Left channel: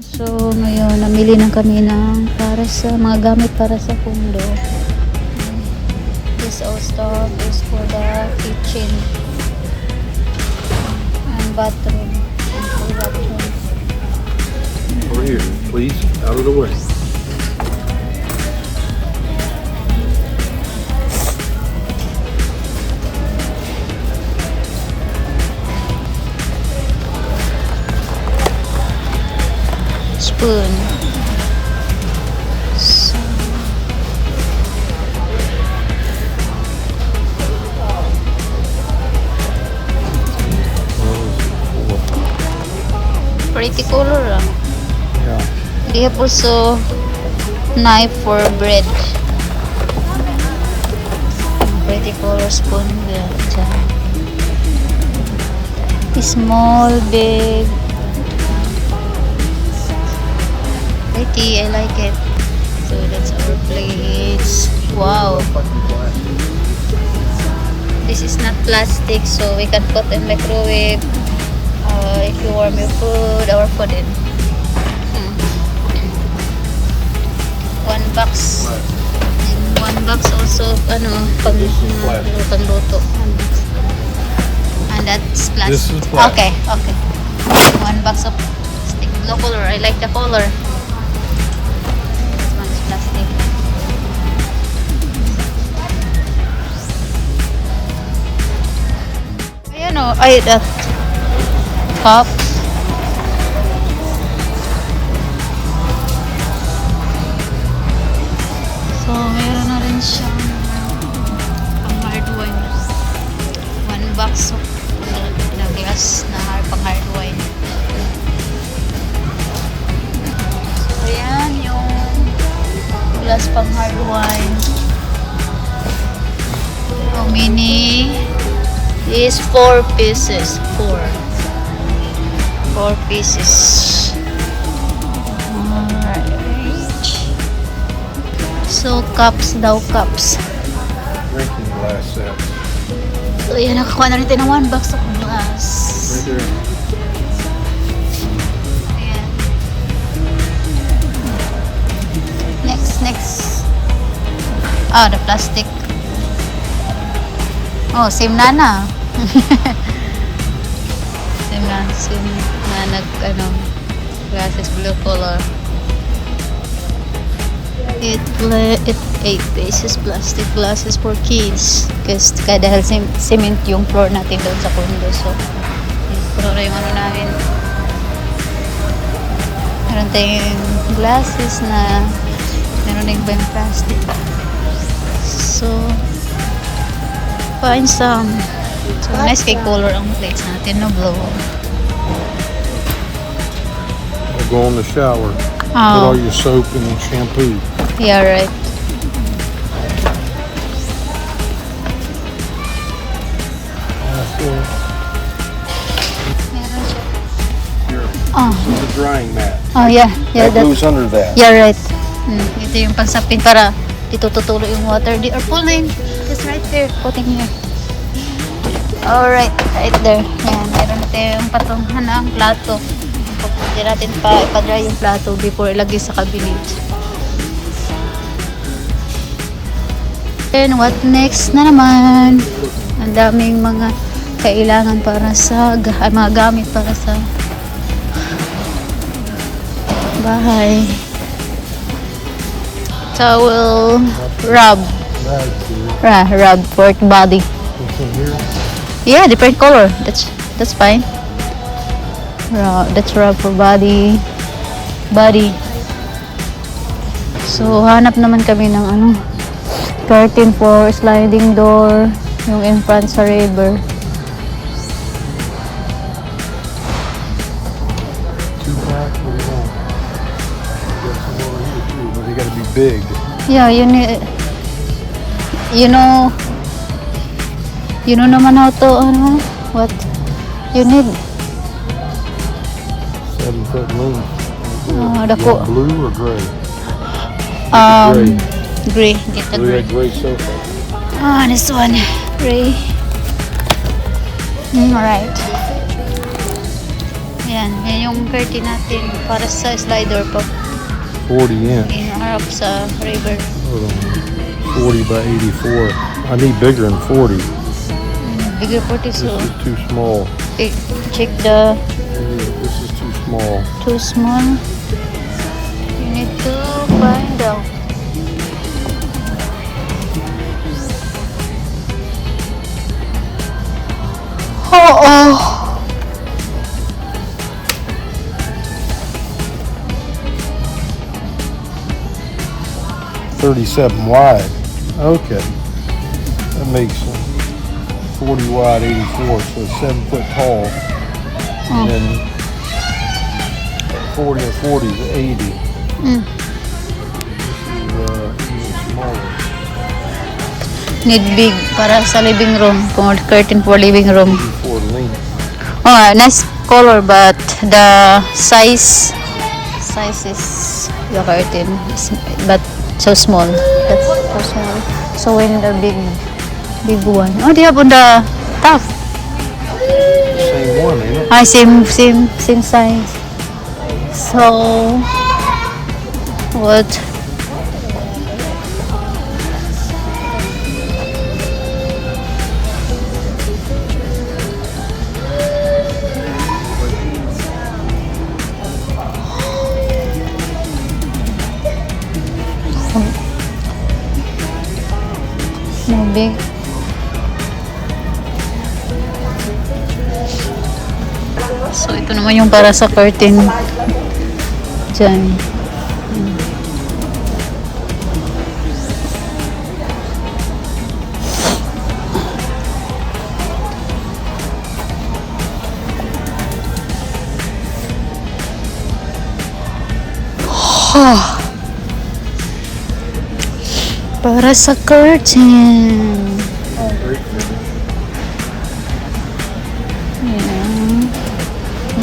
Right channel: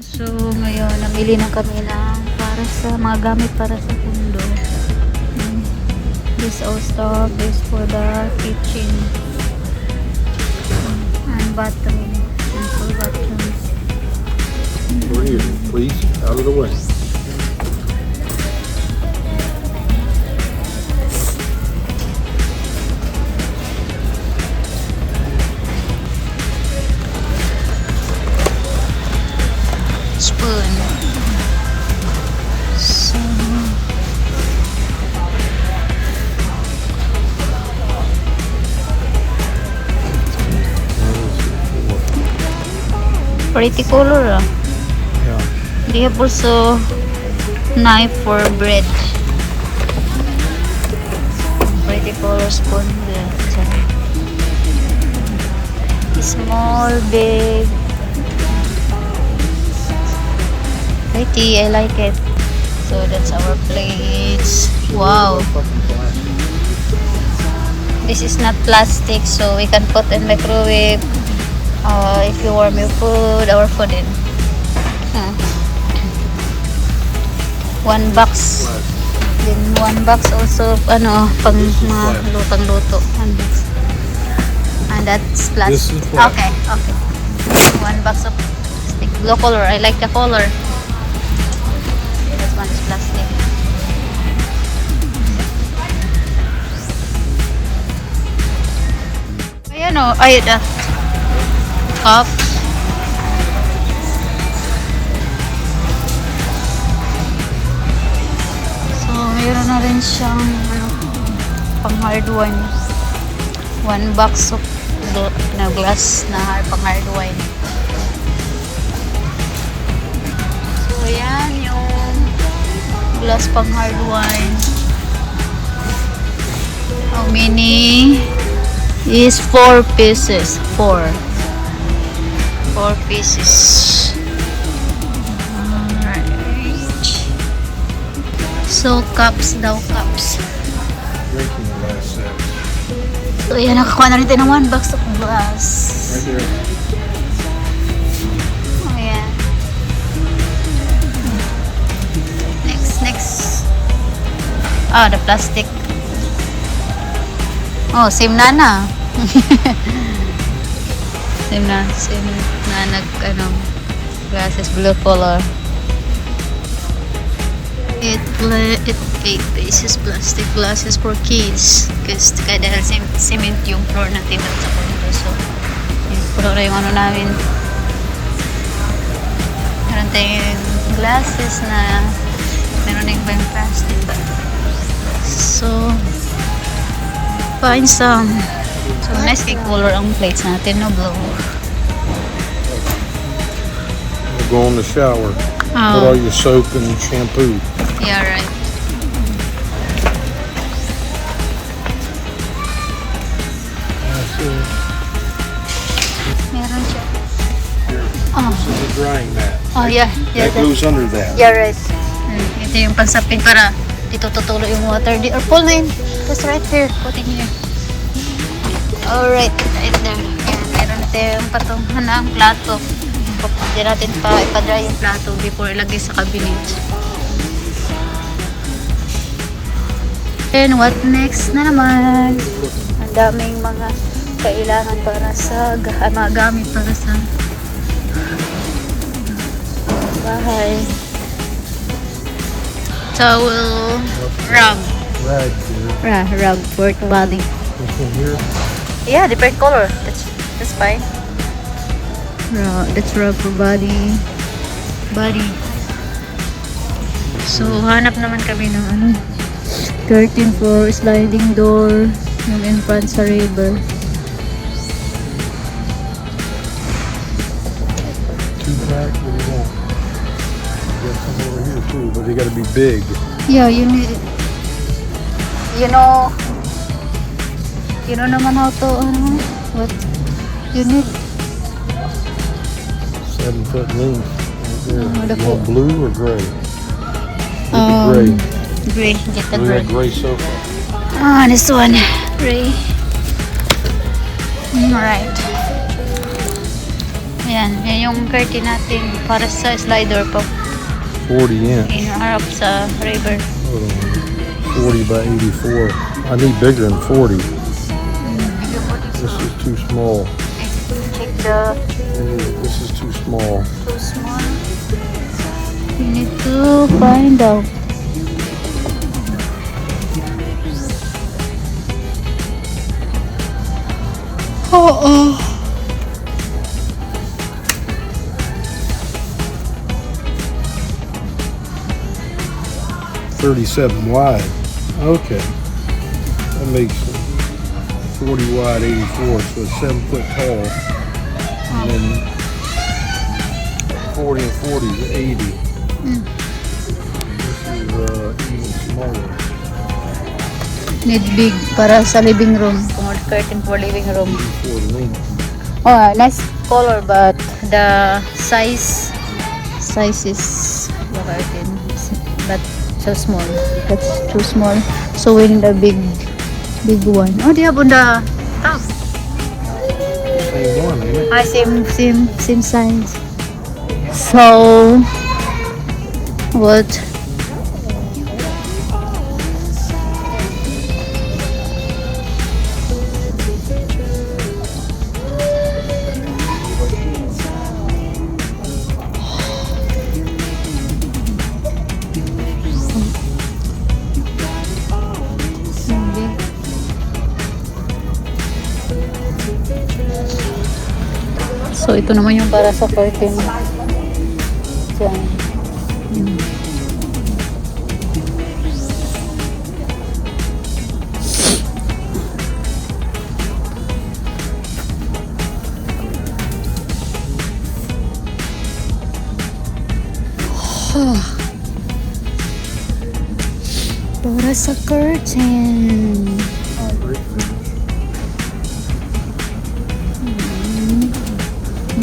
So, ngayon, namili na kami ng para sa mga gamit para sa condo. This all stuff is for the kitchen and bathroom. And for bathroom. Over here, please, out of the way. Spoon. So, pretty color ah. Yeah. They have also knife for bread. Pretty color spoon there. Small, big. Pretty, I like it. So that's our plates. Wow. This is not plastic, so we can put in microwave if you warm your food or food in. One box. Then one box also pang mga lutong-luto. One box. And that's plastic. This is plastic. Okay. One box of plastic. Blue color. I like the color. That one is plastic. Ayan o. Ay, that cup. So, mayroon na rin siyang pang hard wine. One box of na glass na pang hard wine. So, yan yung glass pang hard wine. How many? Is 4 pieces. 4 pieces. Alright. So, cups daw, cups. Drinking glass set. So, yan, nakakuha na rin tayo ng 1 box of glass. Right there. Ayan. Next. The plastic. Oh, same na. Same na glasses blue color. 8 pieces plastic glasses for kids. Kasi dahil cement yung floor natin doon sa condo. So, puro na yung namin. Meron tayong glasses na meron na ibang plastic. So, find some. So, nice kay color ang plates natin, no blue. We'll go in the shower. Put all your soap and shampoo. Yeah, right. That's it. Meron siya. The drying mat. Yeah. That goes under that. Yeah, right. Ito yung pansapin para dito tutulo yung water. Or pull na yun. Just right here. Put in here. Alright. Right there. Yan. Meron tayong patungan ng plato. Hindi natin ipa-dry yung plato before ilagay sa cabinet. Then, what next na naman? Ang daming mga kailangan para sa mga gamit para sa bahay. Towel, rub. Rags here. Rub for body. What's in here? Yeah, different color. That's fine. That's rub for body. So, hanap naman kami ng curtain for sliding door, yung in front sa river. 2-pack, what do you want? Got some over here too, but they gotta be big. Yeah, you know naman na ito, what you need. 7-foot length. The You want blue or gray? Gray. Get the gray. Gray soap. This one. Gray. Alright. Yan yung curtain natin para sa slider po. 40 inch. Inaharap sa river. Hold on. 40 by 84. I need bigger than 40. Bigger po this. This is too small. Check the This is too small. too small. You need to find out. Oh. 37 wide. Okay. That makes sense. 40 wide, 84, so it's 7 foot tall. And then 40 and 40 is 80. Mm. This is even smaller. Need big para sa living room. Kung curtain for living room. 84 length. Oh, nice color but the size is the curtain is, but so small. That's so small. So we need a big one. Oh, they have on the top. Same one, ain't it? Ah, same size. So what? Big. So ito naman yung para sa curtain dyan. Para sa curtain.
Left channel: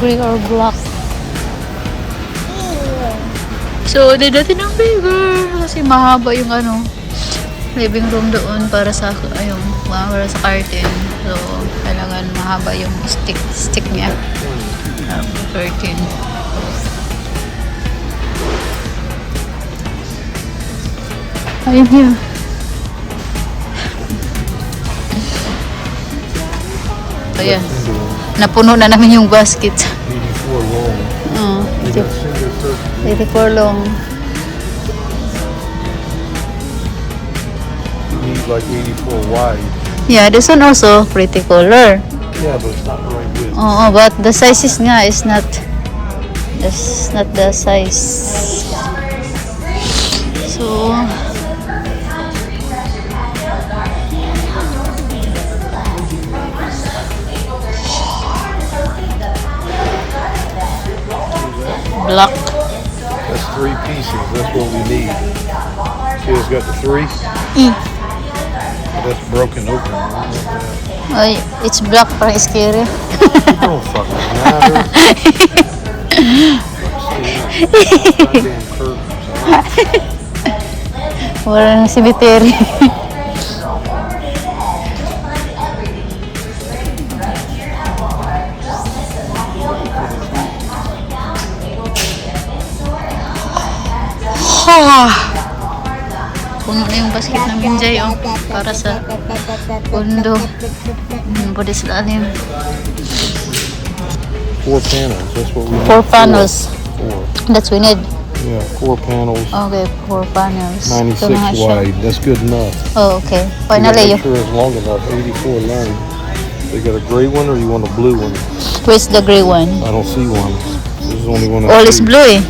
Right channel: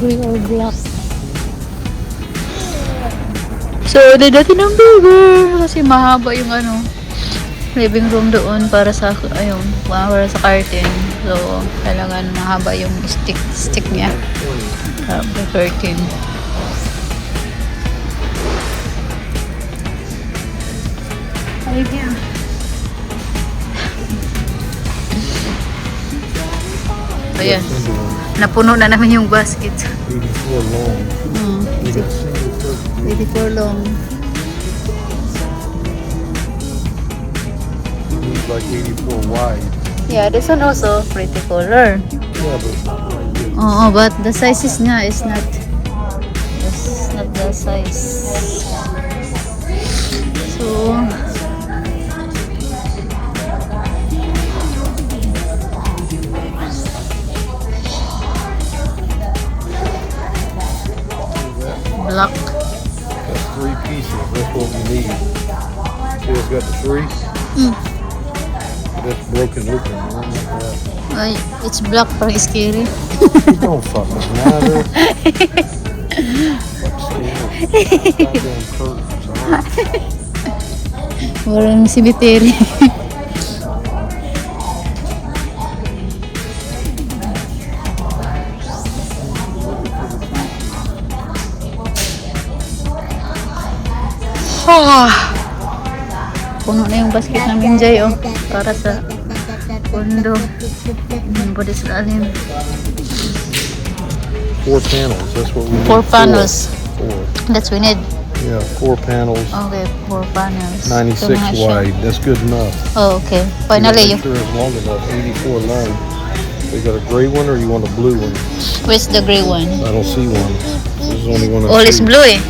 Gray or black. So, natin ng bigger kasi mahaba yung living room doon para sa para sa curtain. So, kailangan mahaba yung stick niya. Curtain. Ayun here. Ayan. Napuno na namin yung basket. 84 long. We got single turkey. 84 long. These like 84 wide. Yeah, this one also pretty color. Yeah, but it's not really good. Oo, but the sizes nga is not the size. So, black. That's 3 pieces. That's what we need. See, it's got the 3. That's broken open. I don't want that. Ay, it's black, parang scary. It don't fucking matter. Goddamn curtains. Parang cemetery. Puno na yung basket namin, Jay, para sa pundo. Pwede sa alim. 4 panels. That's what we need. 4 panels. 4. That's we need. Yeah, 4 panels. Okay, 4 panels. 96 Ito na siya. wide. That's good enough. Oh, okay. You Finally, gotta make sure it's long enough. 84 long. They got a gray one, or you want a blue one? where's the gray one? I don't see one. There's only one. All is blue, eh.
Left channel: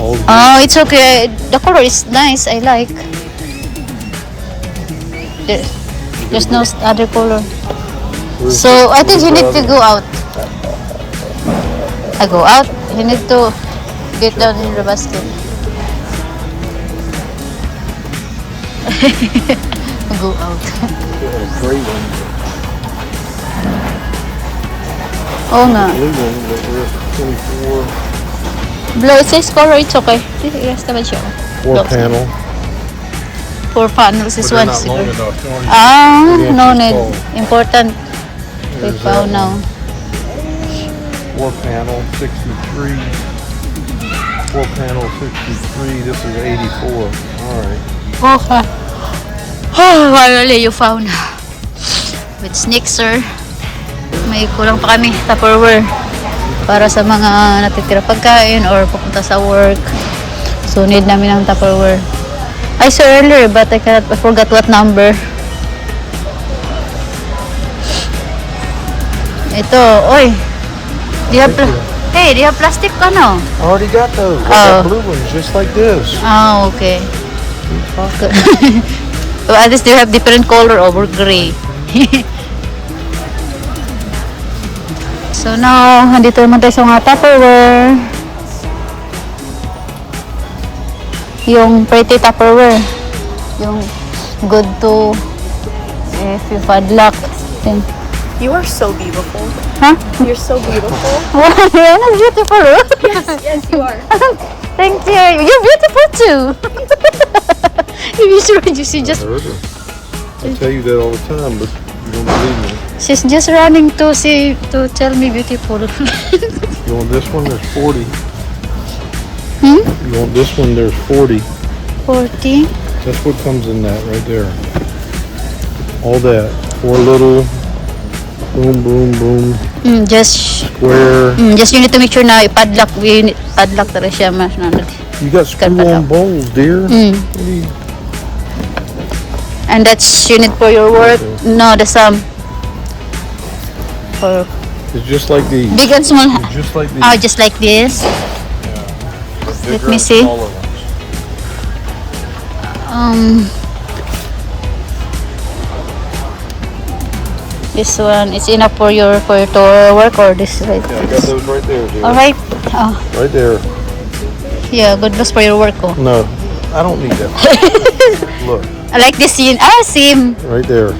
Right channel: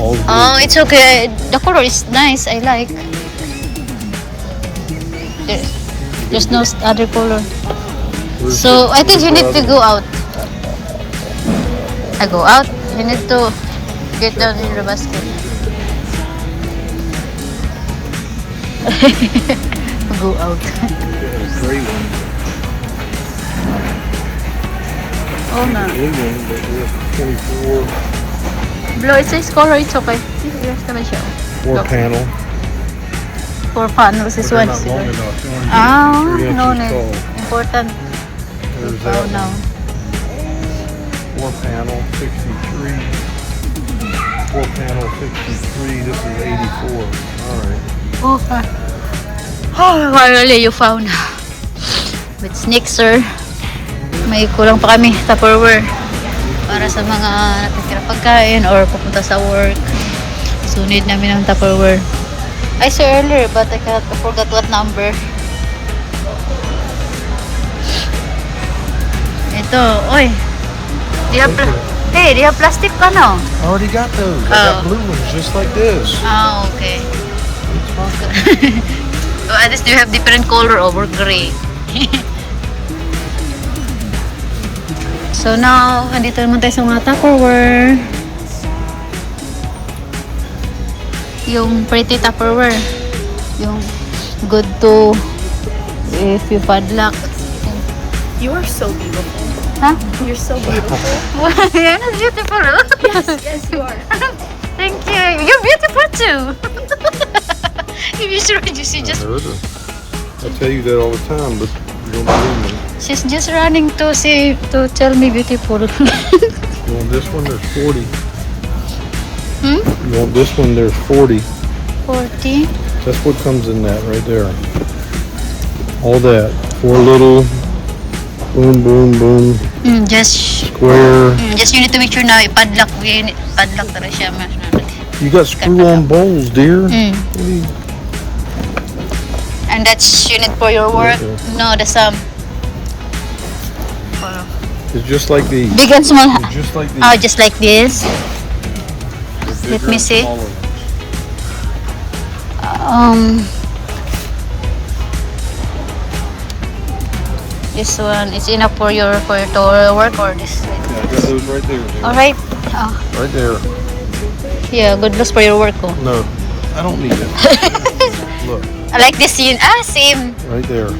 All is blue. Oh, it's okay. The color is nice. I like. There's no other color. Where's So, the- I think you where's need the to other- go out. I go out. You need to get down in the basket. Go out. They had a gray one, Oh, no. blue one, but we're 24. Blue, it says color. It's okay. Yes, naman siya. 4 panel. 4 panels. This one. They're not long enough. You only- Ah, 3 no inches need. tall. Important. We There's found that now. 4 panel, 63. 4 panel, 63. This is 84. All right. Okay. Oh, finally you found. With Snixer. May kulang pa kami, Tupperware. Para sa mga natitira pagkain or pupunta sa work. So, need namin ng Tupperware. I saw earlier, but I forgot what number. Ito, oy. Do you have hey, do you have plastic ano? I already got those. I Oh. got blue ones just like this. Ah, okay. So, at least you have different color over gray. So now, andito naman tayo sa mga Tupperware. Yung pretty Tupperware. Yung good to if you padlock. Yung, You are so beautiful. huh? You're so beautiful. I'm beautiful. Yes, you are. Thank you. You're beautiful too. You should see just I tell you that all the time, but you don't believe me. she's just running to tell me beautiful. You want this one? There's 40. Hmm? You want this one? There's 40. 40. That's what comes in that right there. All that. 4 little. Boom, boom, boom. Just Square. just you need to make sure na padlock talaga siya mas na. You got screw-on bowls, dear. What do you- And that's you need for your work. No, the some for It's just like these. big and small. It's just like these. Oh, just like this. Let me see. All of them. This one is enough for your to work or this right I got those right there, dear. all right. Oh, Right there. yeah, good looks for your work. Oh. No, I don't need that. Look, I like this scene. Same. right there.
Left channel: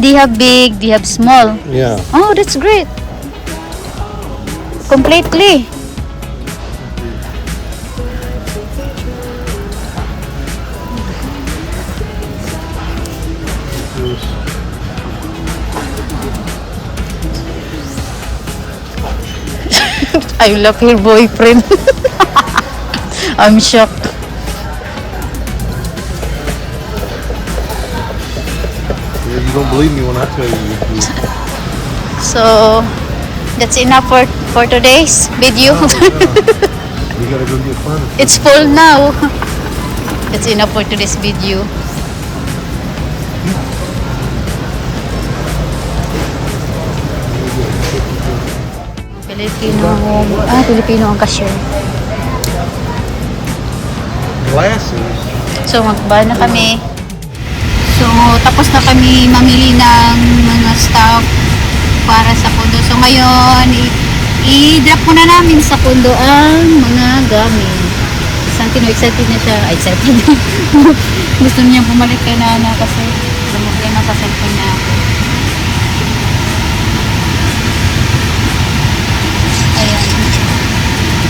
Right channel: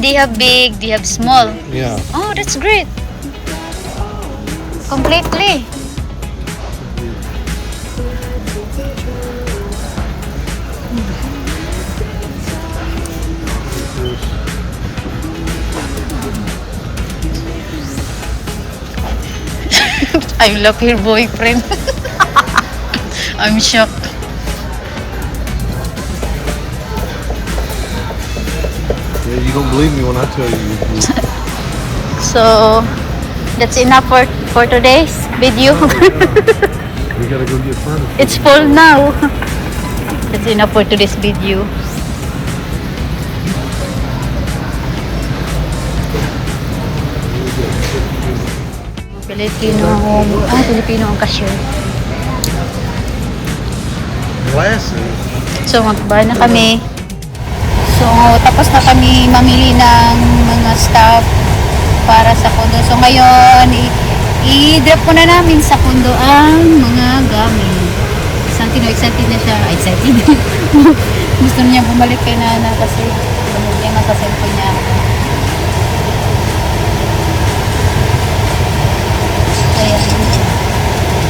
They have big, they have small. Yeah. Oh, that's great. Completely. I love your boyfriend. I'm shocked. Yeah, you don't believe me when I tell you. So, that's enough for today's video. We gotta go get furniture. It's full now. That's enough for today's video. Filipino ang cashier. Glasses. So, magba na kami. So, tapos na kami mamili ng mga stuff para sa kondo. So, ngayon, i-drop ko na namin sa kondo ang mga gamit. Santino, excited na siya. Excited. Gusto niya bumalik kay Nana kasi problema sa cellphone niya ako. Ayan.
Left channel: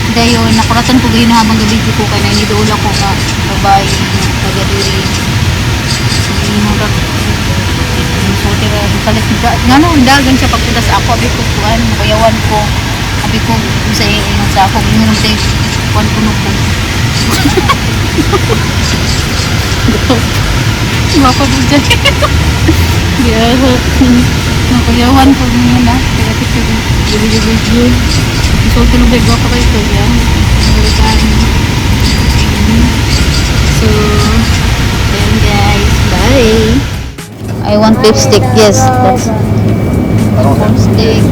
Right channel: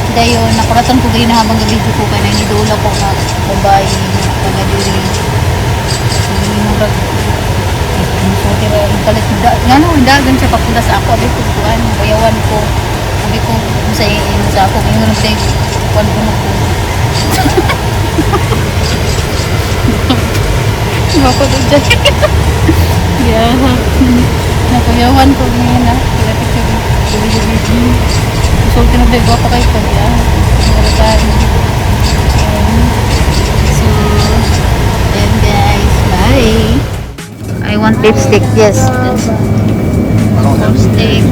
Dayon, nakuratan ko gina habang gabi ko ka na inidola ko nga babae na naliri. Sige mo lang. So, tira, kalit dagan siya papunta sa ako. Abi ko kuhan, bayawan ko. Abi ko sa iingon sa ako. Ingon sa kuhan ko ko. Mako doon dyan. Nakayawan ko ngayon na. Video. So, tinubay ko pa kayo ito niya. So, then guys, bye. I want lipstick, yes. Lipstick,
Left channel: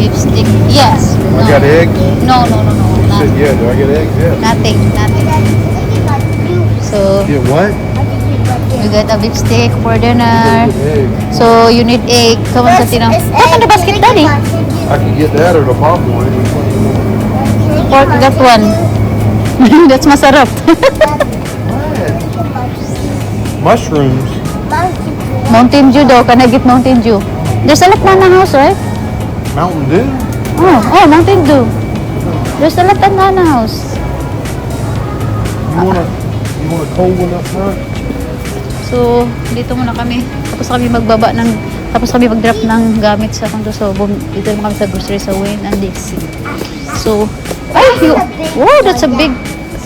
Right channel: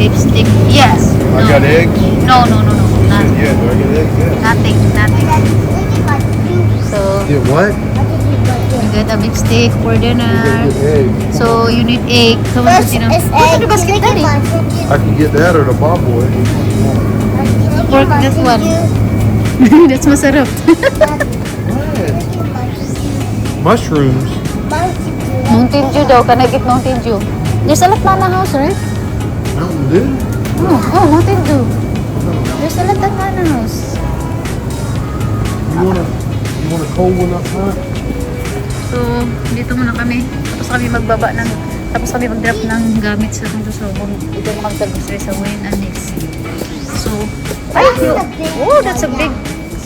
lipstick, yes. You got eggs? No. Nothing. Yeah, do I get eggs? Yeah. Nothing. So, Get what? you get a lipstick for You dinner. gotta get eggs. So, you need egg. Come on, Katina. What's in the basket, Daddy? I can get that or the bobble. Pork, that one. That's masarap. Mushrooms. Mountain Dew daw. Can I get Mountain Dew? There's a lot in the house, right? Mountain Dew. Oh, Mountain Dew. There's a lot in the house. You want a cold one up front? So, dito muna kami. Tapos kami magbaba ng Tapos kami mag-drop ng gamit sa kondo. So, ito yung mga grocery sa Wayne and this. So, wow, that's a big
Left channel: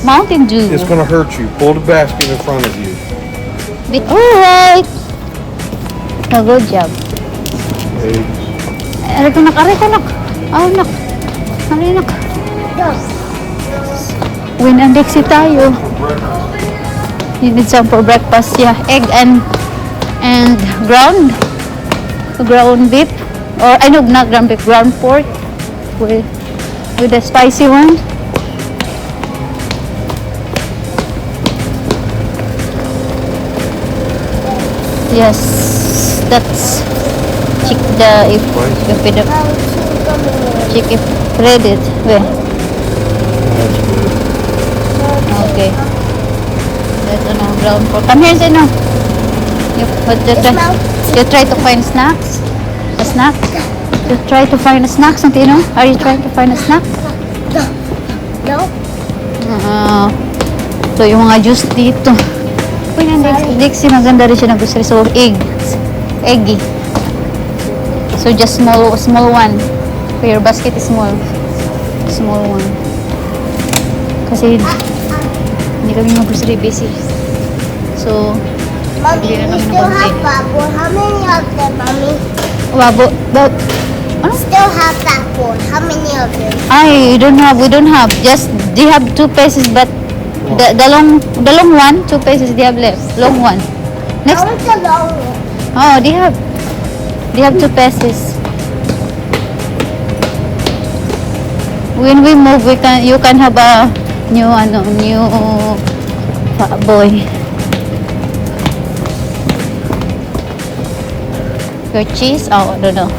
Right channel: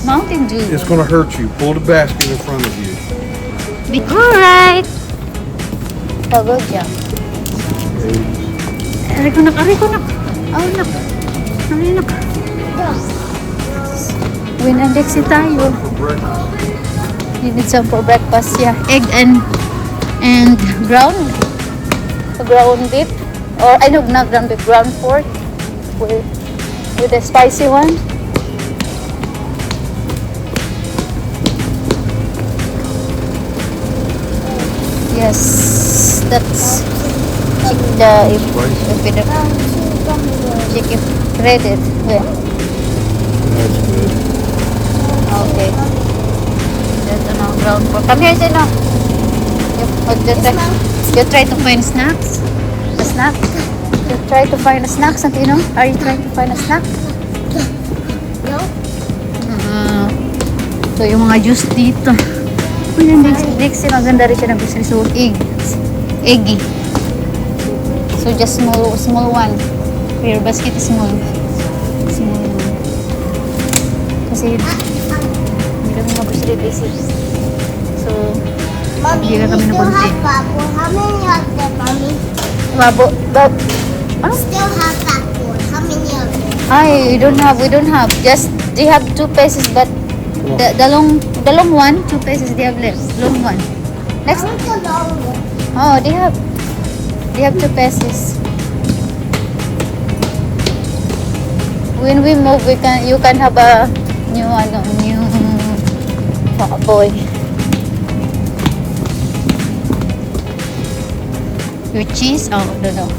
Mountain Dew. It's gonna hurt you. Pull the basket in front of you. Alright. A good job. Eggs. Aray ko nak. Oh, nak. Aray nak. Wayne and Dixie tayo. You need some for breakfast, yeah. Egg and ground beef. Or I know not ground beef, ground pork with the spicy one. Yes, that's chicken credit. Well, okay. Ground pork. Come here, Zeno. You try to find snacks? A snack? You try to find a snack, Santino? Are you trying to find a snack? So, yung mga juice dito. Uy, Dixie, maganda rin siya na grocery. So, eggy. So, just small one. Your basket is small one. Kasi, hindi kami yung grocery busy. So, Mommy, bili na we kami ng still konti. have bubble. How many of them, Mommy? Wabo, but, We still have that one. How many of them? we don't have. Just, they have 2 pieces, but the long one, 2 pieces they have left. Long one. I want the long one. Oh, they have 2 pieces. When we move, you can have a new boy. Your cheese? Oh, no.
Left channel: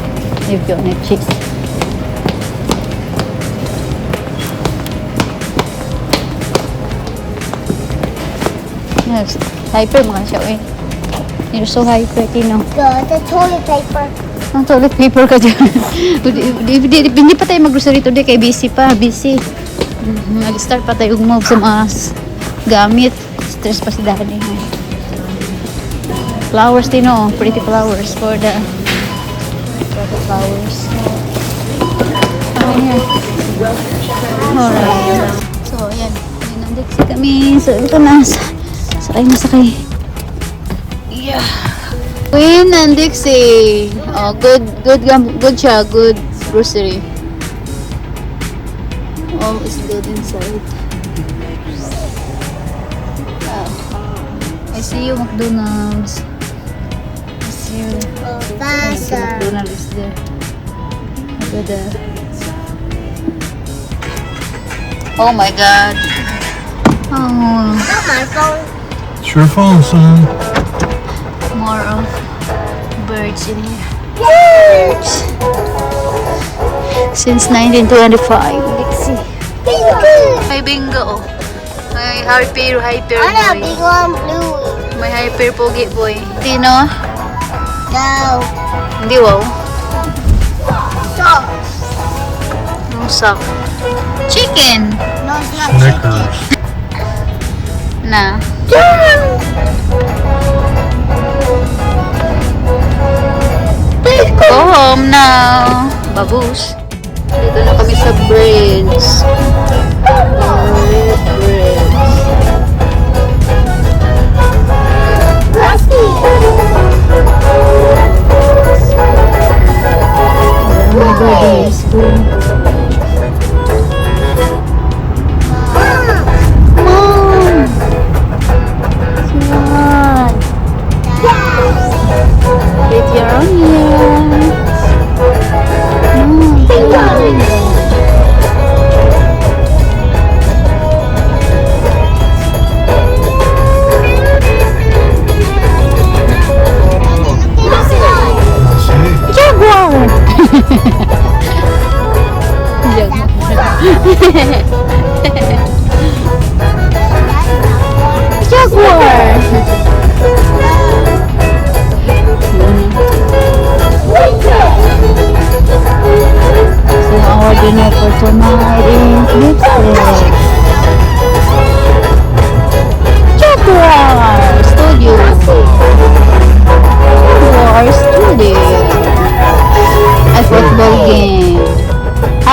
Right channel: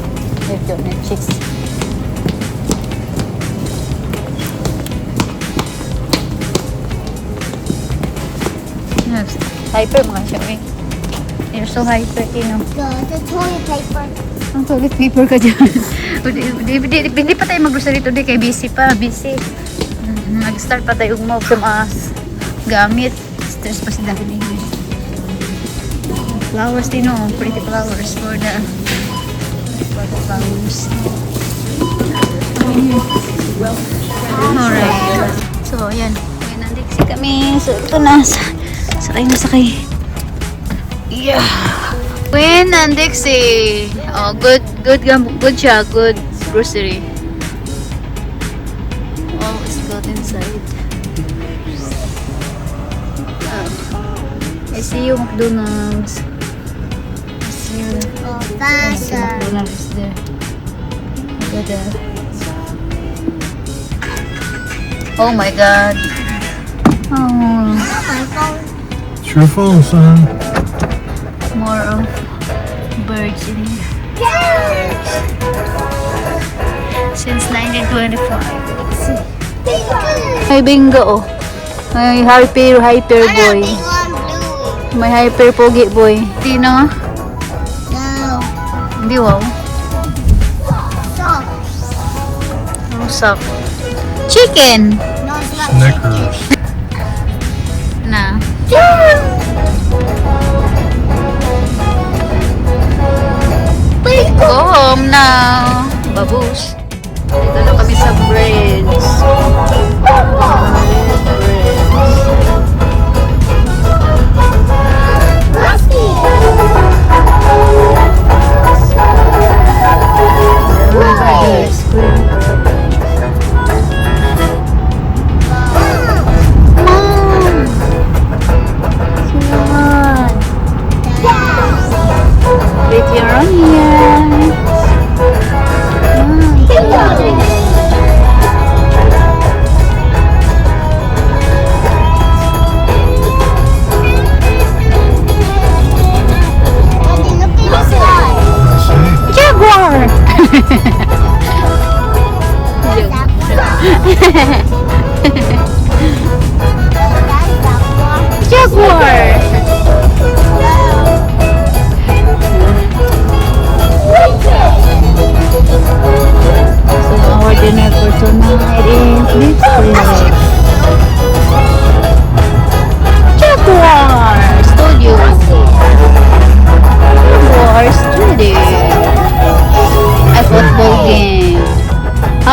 You've got no cheese. Yes. Hyper mga siya, eh. You're so hyper, Tino. The toilet paper. Ang toilet paper ka dyan. Hindi pa tayo mag-grocery today kay busy pa. Busy. Mag-start pa tayo umog sa mga gamit. Stress pa si Daddy. Flowers, Tino. Pretty flowers for the flowers. Alright. So, ayan. May nandiksi kami. So, ito na. Sakay. Yeah. Win and Dixie. Oh, good siya. Good grocery. Oh, it's good inside. I see you, McDonald's. I see you. McDonald's is there. Look at that. Oh my God. Oh, Not my phone. It's your phone, son. more of birds in here. Since 1925. Dixie. May bingo. May hyper I boy. have big one blue. May hyper pogi boy. Tino? No. Hindi wow. Stop. Ang sak. Chicken. No, it's not chicken. Na. Go home now. Babush. Dito na kami sa bridge.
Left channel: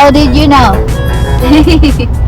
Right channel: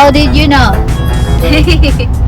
How did you know?